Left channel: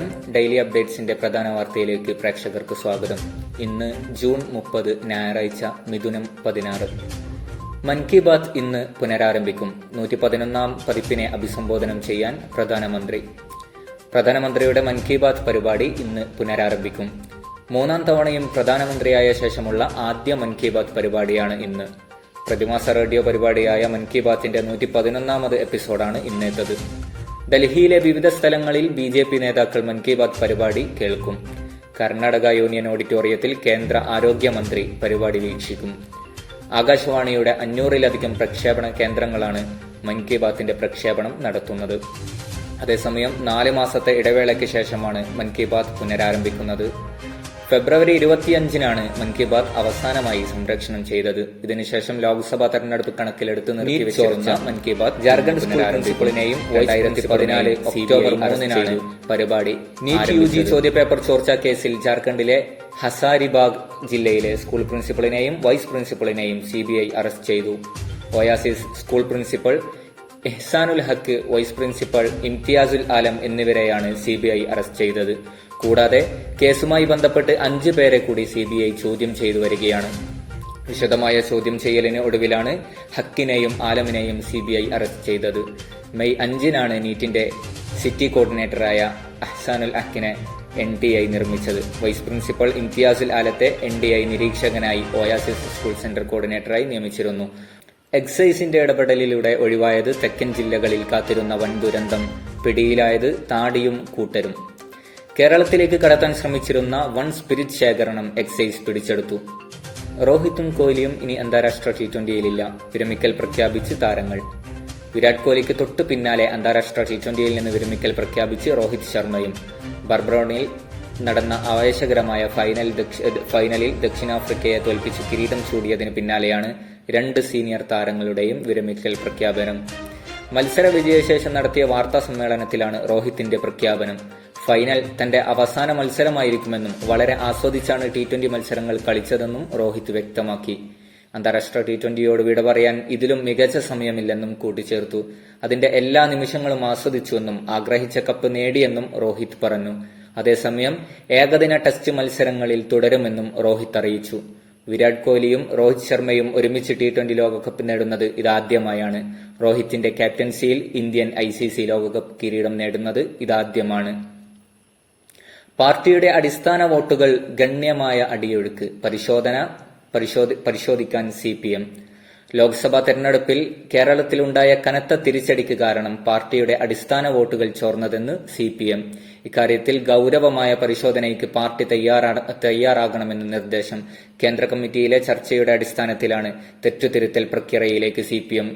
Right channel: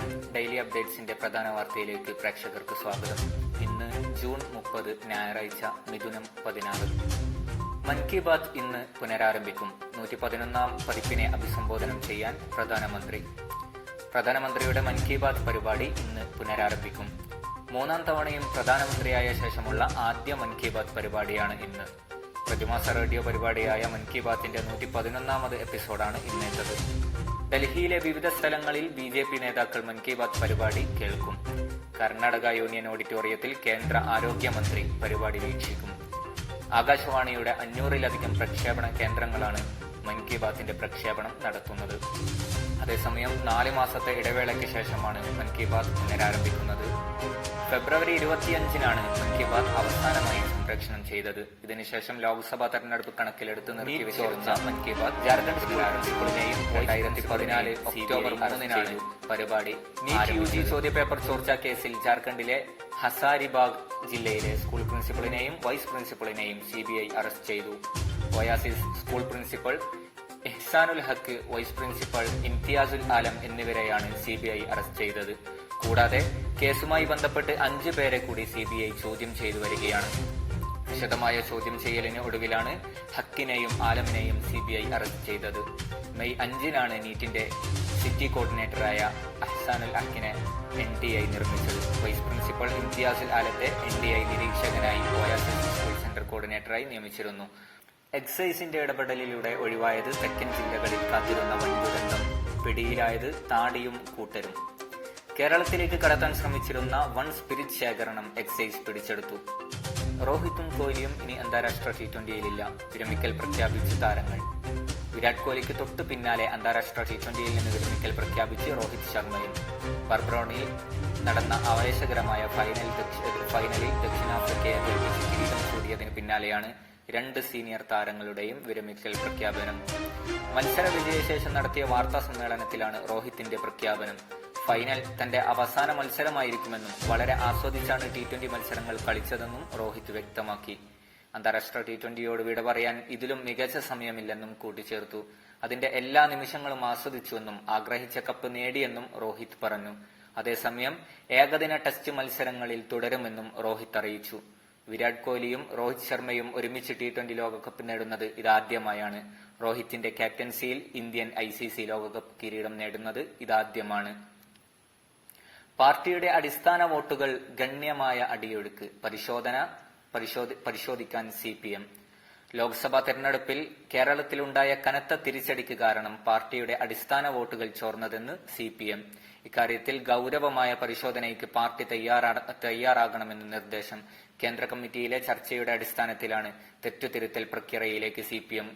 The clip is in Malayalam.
നമസ്കാരം. ഡെയിലി അപ്ഡേറ്റ്സിന്റെ പ്രധാന വാർത്തയിലേക്ക് പ്രേക്ഷകർക്ക് സ്വാഗതം. ഇന്ന് ജൂൺ 30 ഞായറാഴ്ച, മിഥുനം 16. മൻ കി ബാത്ത് ഇന്ന് പുനരാരംഭിക്കും. 111-ാം പതിപ്പിനെ അഭിസംബോധന ചെയ്യാൻ പ്രധാനമന്ത്രിയുടെ മൻ കി ബാത്ത് പരിപാടി ഇന്ന് പുനരാരംഭിക്കും. 3-ാം തവണയും പ്രധാനമന്ത്രിയായ ശേഷമുള്ള ആദ്യ മൻ കി ബാത്ത് പരിപാടിയാണ് ഇന്ന്. പ്രതിമാസ റേഡിയോ പരിപാടിയായ മൻ കി ബാത്തിന്റെ 111-ാമത് എപ്പിസോഡാണ് ഇന്നേറ്റത്. ഡൽഹിയിലെ വിവിധ സ്ഥലങ്ങളിൽ BJP നേതാക്കൾ മൻ കി ബാത്ത് പരിപാടി കേൾക്കും. കർണാടക യൂണിയൻ ഓഡിറ്റോറിയത്തിൽ കേന്ദ്ര ആരോഗ്യമന്ത്രി പരിപാടി വീക്ഷിക്കും. ആകാശവാണിയുടെ 500-ലധികം പ്രക്ഷേപണ കേന്ദ്രങ്ങളാണ് മൻ കി ബാത്തിന്റെ പ്രക്ഷേപണം നടത്തുന്നത്. അതേസമയം 4 മാസത്തെ ഇടവേളയ്ക്ക് ശേഷമാണ് മൻ കി ബാത്ത് പുനരാരംഭിക്കുന്നത്. ഫെബ്രുവരി 25-നാണ് മൻ കി ബാത്ത് അവസാനമായി സംപ്രേഷണം ചെയ്തത്. ഇതിനുശേഷം ലോക്സഭാ തെരഞ്ഞെടുപ്പ് കണക്കിലെടുത്ത് നിർത്തിവെച്ച മൻ കി ബാത്ത് ജാർഖണ്ഡ് സ്കൂൾ പ്രിൻസിപ്പലിനെയും 2014 ഒക്ടോബർ 3-നാണ് പരിപാടി. നീറ്റ് UG ചോദ്യപേപ്പർ ചോർച്ചാ കേസിൽ ജാർഖണ്ഡിലെ ഹസാരിബാഗ് ജില്ലയിലെ സ്കൂൾ പ്രിൻസിപ്പലിനെയും വൈസ് പ്രിൻസിപ്പലിനെയും CBI അറസ്റ്റ് ചെയ്തു. ഒയാസിസ് സ്കൂൾ പ്രിൻസിപ്പൽ ഇഹ്സാനുൽ ഹക്ക്, വൈസ് പ്രിൻസിപ്പൽ ഇംതിയാസുൽ ആലം എന്നിവരെയാണ് CBI അറസ്റ്റ് ചെയ്തത്. കൂടാതെ കേസുമായി ബന്ധപ്പെട്ട് 5 പേരെ കൂടി CBI ചോദ്യം ചെയ്തു വരികയാണ്. വിശദമായ ചോദ്യം ചെയ്യലിന് ഒടുവിലാണ് ഹക്കിനെയും ആലമിനെയും CBI അറസ്റ്റ് ചെയ്തത്. മെയ് 5-നാണ് നീറ്റിന്റെ സിറ്റി കോർഡിനേറ്ററായ ഇഹ്സാനുൽ ഹക്കിനെ NTI നിർമ്മിച്ചത്. വൈസ് പ്രിൻസിപ്പൽ ഇംതിയാസുൽ ആലത്തെ NTI നിരീക്ഷകനായി ഒയാസിസ് സ്കൂൾ സെന്റർ കോർഡിനേറ്ററായി നിയമിച്ചിരുന്നു. എക്സൈസിന്റെ ഇടപെടലിലൂടെ ഒഴിവായത് തെക്കൻ ജില്ലകളിൽ കാത്തിരുന്ന വൻ ദുരന്തം. പിടിയിലായത് താടിയും കൂട്ടരും. കേരളത്തിലേക്ക് കടത്താൻ ശ്രമിച്ചിരുന്ന വൻ സ്പിരിറ്റ് ശേഖരണം എക്സൈസ് പിടിച്ചെടുത്തു. രോഹിത്തും കോഹ്ലിയും ഇനി അന്താരാഷ്ട്ര T20-യിലില്ല. വിരമിക്കൽ പ്രഖ്യാപിച്ച് താരങ്ങൾ. വിരാട് കോഹ്ലിക്ക് തൊട്ടു പിന്നാലെ അന്താരാഷ്ട്ര T20-യിൽ നിന്ന് വിരമിക്കൽ പ്രഖ്യാപിച്ച് രോഹിത് ശർമ്മയും. ബർബറോണിൽ നടന്ന ആവേശകരമായ ഫൈനലിൽ ദക്ഷിണാഫ്രിക്കയെ തോൽപ്പിച്ച് കിരീടം ചൂടിയതിന് പിന്നാലെയാണ് 2 സീനിയർ താരങ്ങളുടെയും വിരമിക്കൽ പ്രഖ്യാപനം. മത്സര വിജയശേഷം നടത്തിയ വാർത്താ സമ്മേളനത്തിലാണ് രോഹിത്തിന്റെ പ്രഖ്യാപനം. ഫൈനൽ തന്റെ അവസാന മത്സരമായിരിക്കുമെന്നും വളരെ ആസ്വദിച്ചാണ് T20 മത്സരങ്ങൾ കളിച്ചതെന്നും രോഹിത് വ്യക്തമാക്കി. അന്താരാഷ്ട്ര T20യോട് വിട പറയാൻ ഇതിലും മികച്ച സമയമില്ലെന്നും കൂട്ടിച്ചേർത്തു. അതിന്റെ എല്ലാ നിമിഷങ്ങളും ആസ്വദിച്ചുവെന്നും ആഗ്രഹിച്ച കപ്പ് നേടിയെന്നും രോഹിത് പറഞ്ഞു. അതേസമയം ഏകദിന ടെസ്റ്റ് മത്സരങ്ങളിൽ തുടരുമെന്നും രോഹിത് അറിയിച്ചു. വിരാട് കോഹ്ലിയും രോഹിത് ശർമ്മയും ഒരുമിച്ച് T20 ലോകകപ്പ് നേടുന്നത് ഇതാദ്യമായാണ്. രോഹിത്തിന്റെ ക്യാപ്റ്റൻസിയിൽ ഇന്ത്യൻ ICC ലോകകപ്പ് കിരീടം നേടുന്നത് ഇതാദ്യമാണ്. പാർട്ടിയുടെ അടിസ്ഥാന വോട്ടുകൾ ഗണ്യമായ അടിയൊഴുക്ക്. പരിശോധിക്കാൻ CPM. ലോക്സഭാ തെരഞ്ഞെടുപ്പിൽ കേരളത്തിലുണ്ടായ കനത്ത തിരിച്ചടിക്ക് കാരണം പാർട്ടിയുടെ അടിസ്ഥാന വോട്ടുകൾ ചോർന്നതെന്ന് CPM. ഇക്കാര്യത്തിൽ ഗൌരവമായ പരിശോധനയ്ക്ക് പാർട്ടി തയ്യാറാകണമെന്ന് നിർദ്ദേശം. കേന്ദ്ര കമ്മിറ്റിയിലെ ചർച്ചയുടെ അടിസ്ഥാനത്തിലാണ് തെറ്റുതിരുത്തൽ പ്രക്രിയയിലേക്ക് CPM